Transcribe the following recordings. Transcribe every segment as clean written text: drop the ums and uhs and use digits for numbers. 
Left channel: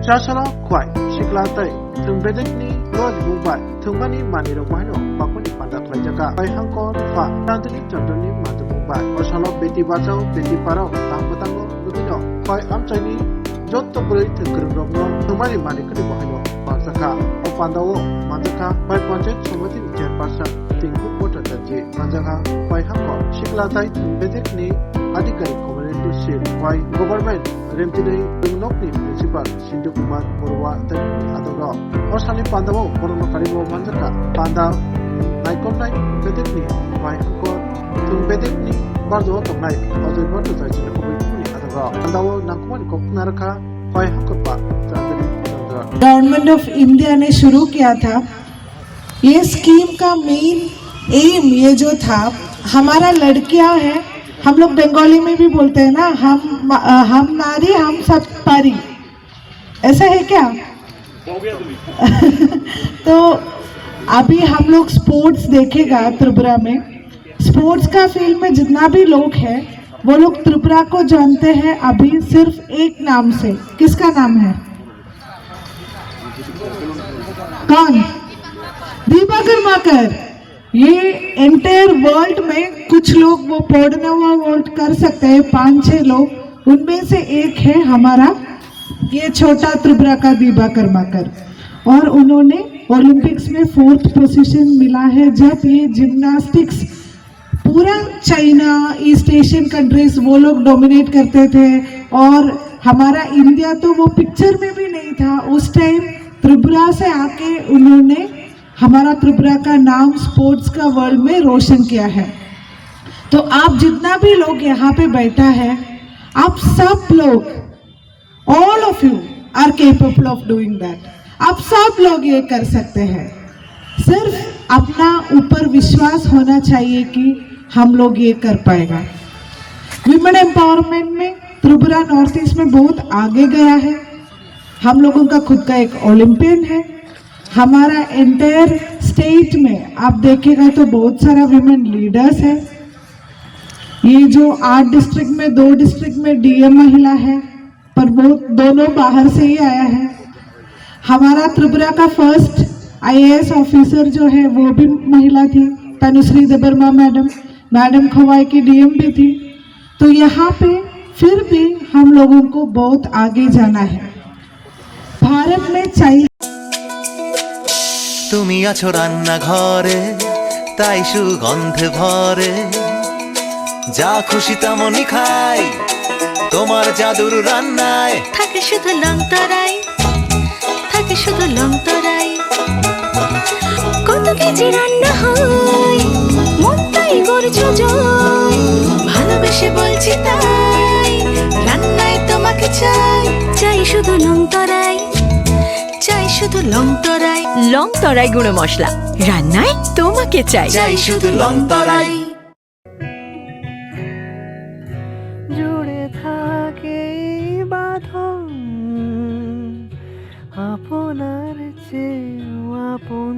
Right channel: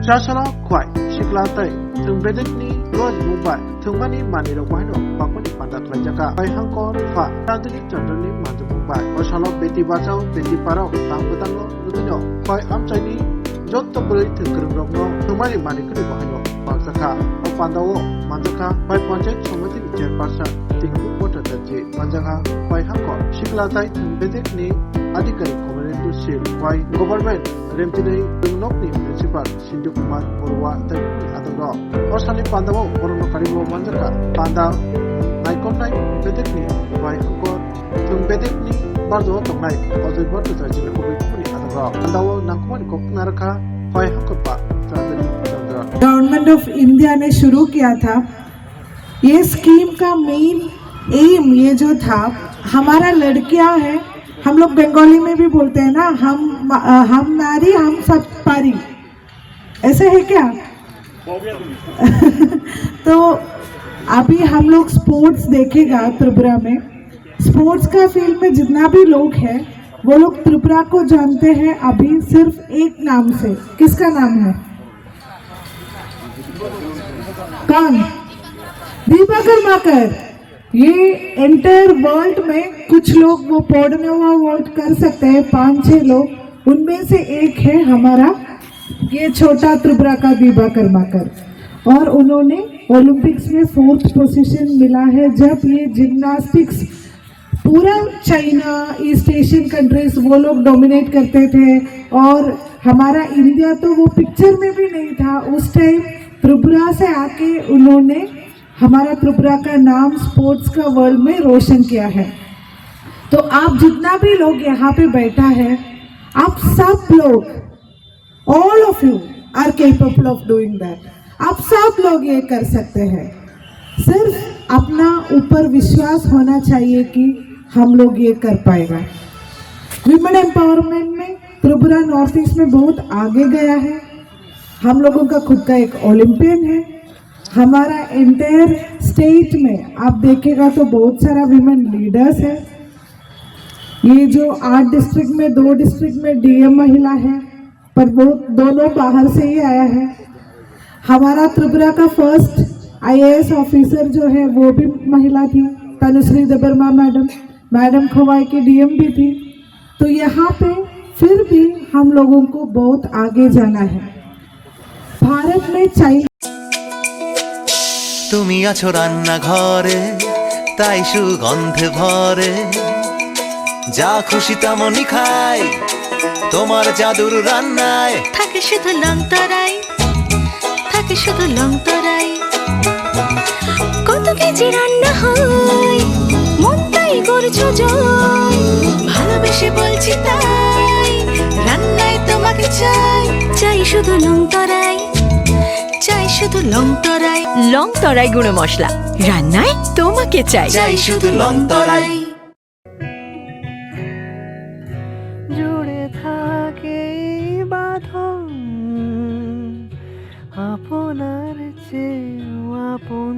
Chasala Kwai, Shiklatai, Tumbedekni, Lord Mumbai, Tumani Maniro Wino, Bakuni Panda Klajaka, by Hankor, Fa, Tantani Chandani Mandu Mumbai, Oshala Beti Bachao, Beti Parao, Tampotango, Lubino, Koi Amchani, Jotto Buri Tunkurugno, Tumani Manikuni Wino, Manzaka, Opandao, Manzaka, by Ponjet Somati Chairperson, Tinku Pota Taji, Manzaka, Koi Hankor, Shiklatai, Tumbedekni, Adikari Commandant Seal, Koi Government, Remtinei, Dungnokni Principal, Sindhu Kumar, Borwa, Tepuri Adogo, Osali Pandavo, Borono Karibo Manzaka, Panda, Naikonai, Bedekni, Koi Hankor, Tumbedekni, Bardo Tomai, Ozo Borto Tajin Kuni Adogo, Pandavo, Nakuman Koknaraka, Koi Hankopa, Chandani Chandra. Government of India ने शुरू किया था। ये scheme का main M ये जो था, हमारा लड़कियां हैं, हम लोग बंगाली में भी बोलते हैं ना, हम नारी हम सब पारी, ऐसा है क्या? तो अभी हम लोग स्पोर्ट्स देखेगा त्रिपुरा में, स्पोर्ट्स का फील्ड में जितना भी लोग हैं वो लोग त्रिपुरा को जानते हैं अभी सिर्फ एक नाम से। किसका नाम है? कौन? दीपा कर्माकर। ये एंटायर वर्ल्ड में कुछ लोग वो पोर्डनोवा वोट कर सकते हैं, 5-6 लोग, उनमें से एक है हमारा ये छोटा त्रिपुरा का दीपा कर्माकर, और उन्होंने ओलंपिक्स में 4th पोजीशन मिला है। जब ये जिम्नास्टिक्स पूरा चाइना, ईस्ट एशियन कंट्रीज वो लोग डोमिनेट करते थे, और हमारा इंडिया तो वो पिक्चर में भी नहीं था उस टाइम। त्रिपुरा से आके उन्होंने हमारा त्रिपुरा का नाम स्पोर्ट्स का वर्ल्ड में रोशन किया है। तो आप जितना भी लोग यहाँ पे बैठा है, आप सब लोग, all of you are capable of doing that. आप सब लोग ये कर सकते हैं, सिर्फ अपना ऊपर विश्वास होना चाहिए कि हम लोग ये कर पाएगा। विमेन एम्पावरमेंट में त्रिपुरा नॉर्थ ईस्ट में बहुत आगे गया है। हम लोगों का खुद का एक ओलंपियन है। हमारा एंटायर स्टेट में आप देखेगा तो बहुत सारा विमेन लीडर्स है। ये जो 8 डिस्ट्रिक्ट में 2 डिस्ट्रिक्ट में डीएम महिला है, पर वो दोनों बाहर से ही आया है। हमारा त्रिपुरा का फर्स्ट आईएएस ऑफिसर जो है वो भी महिला थी, तनुश्री देबर्मा मैडम खवाई की डीएम भी थी। तो यहाँ पे फिर भी हम लोगों को बहुत आगे जाना है। भारत में चाइल्ड তুমি আছো রান্না ঘরে, তাই সুগন্ধে ভরে, যা খুশি তেমনই খাই তোমার জাদুর রান্নায়। থাকে শুধু লংতরাই, থাকে শুধু লংতরাই, কত কেজি রান্না হয় মন তাই করছো জয়। ভালোবেসে বলছি তাই, রান্নায় তোমাকে চাই, চাই শুধু লংতরাই, চাই শুধু লংতরাই। লংতরাই গুঁড়ো মশলা, রান্নায় তোমাকে চাই, চাই শুধু লংতরাই। জুড়ে থাকে বাঁধন আপনার চেয়েও আপন,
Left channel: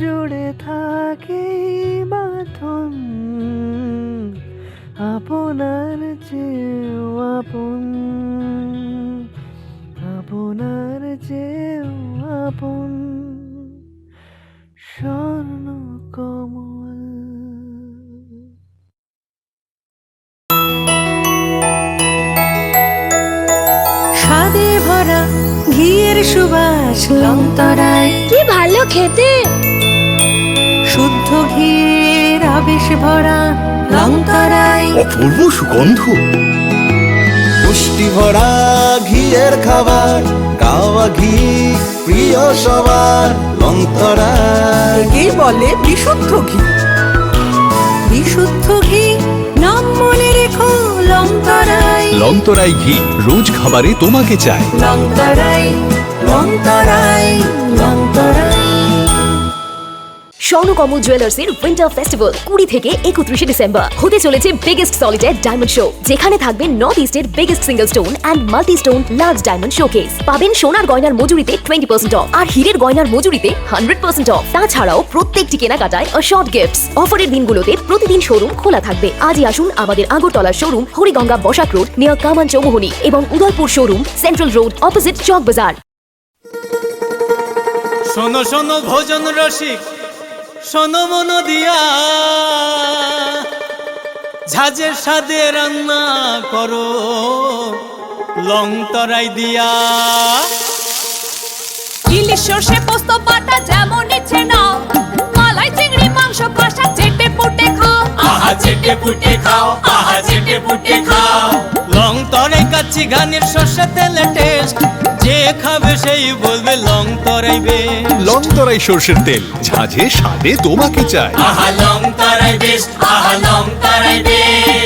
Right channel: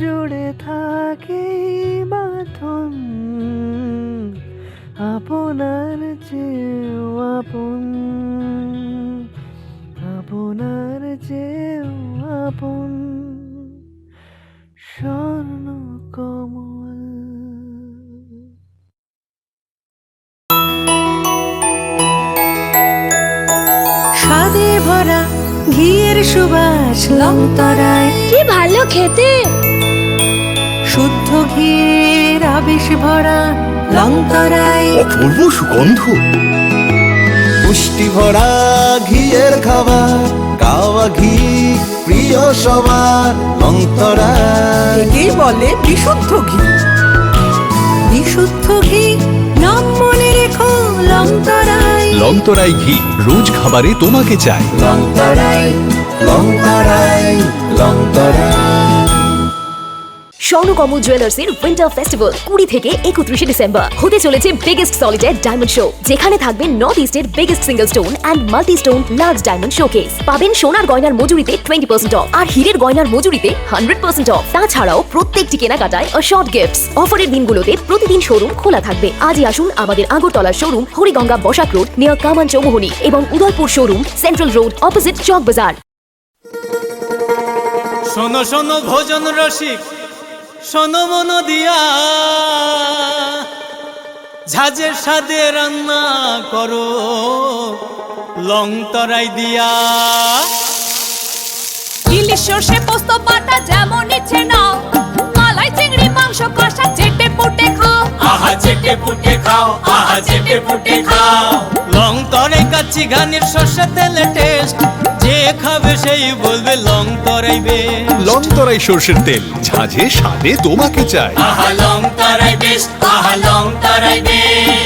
জুড়ে থাকে বাঁধন আপনার চেয়েও আপন, আপনার চেয়েও আপন স্বর্ণ কমল। স্বাদে ভরা ঘিয়ের সুবাস লংতরায়, কি ভালো খেতে। শুদ্ধ ঘিয়ের আবেশ ভরা লংতরায়, অপূর্ব সুগন্ধ, পুষ্টি ভরা ঘিয়ের খাবার, গাওয়া ঘি প্রিয় সবার লংতরায়। একেই বলে বিশুদ্ধ ঘি। বিশুদ্ধ ঘি নাম মনে রেখো লংতরায়, লংতরাই ঘি রোজ খাবারে তোমাকে চাই। লংতরাই লংতরাই লংতরাই। স্বর্ণকমল জুয়েলার্সের উইন্টার ফেস্টিভ্যাল 20 থেকে 31 ডিসেম্বর হতে চলেছে বিগেস্ট সলিটার ডায়মন্ড শো, যেখানে থাকবে নর্থ ইস্টের biggest single stone and multi stone large diamond showcase. পাবেন সোনার গয়নার মজুরিতে 20% অফ আর হীরের গয়নার মজুরিতে 100% অফ। তাছাড়াও প্রত্যেকটি কেনাকাটায় শর্ট গিফটস। অফারের দিনগুলোতে প্রতিদিন শোরুম খোলা থাকবে। আজই আসুন আমাদের আগরতলার showroom Hariganga Basak road near Kaman Chowmuhani এবং Udaipur showroom central road opposite Chowk Bazar. শোনো শোনো ভোজন রসিক, শোনো মন দিয়া, ঝাঁঝের স্বাদে রান্না করো লং তরাই দিয়া। ইলিশ সর্ষে পোস্ত বাটা যেমন ইচ্ছে নাও, মালাই চিংড়ি মাংস কষা চেটে পুটে খাও, আহা চেটে পুটে খাও, আহা চেটে পুটে খাও। লং তরাই কাচ্চি ঘানির সর্ষে তেলে টেস্ট, যে খাবে সেই বলবে লং তরাই বেশ। লংতরাই সর্ষের তেল, ঝাঁঝে স্বাদে তোমাকে চাই। আহা লং তরাই বেশ, আহা লং তরাই বেশ।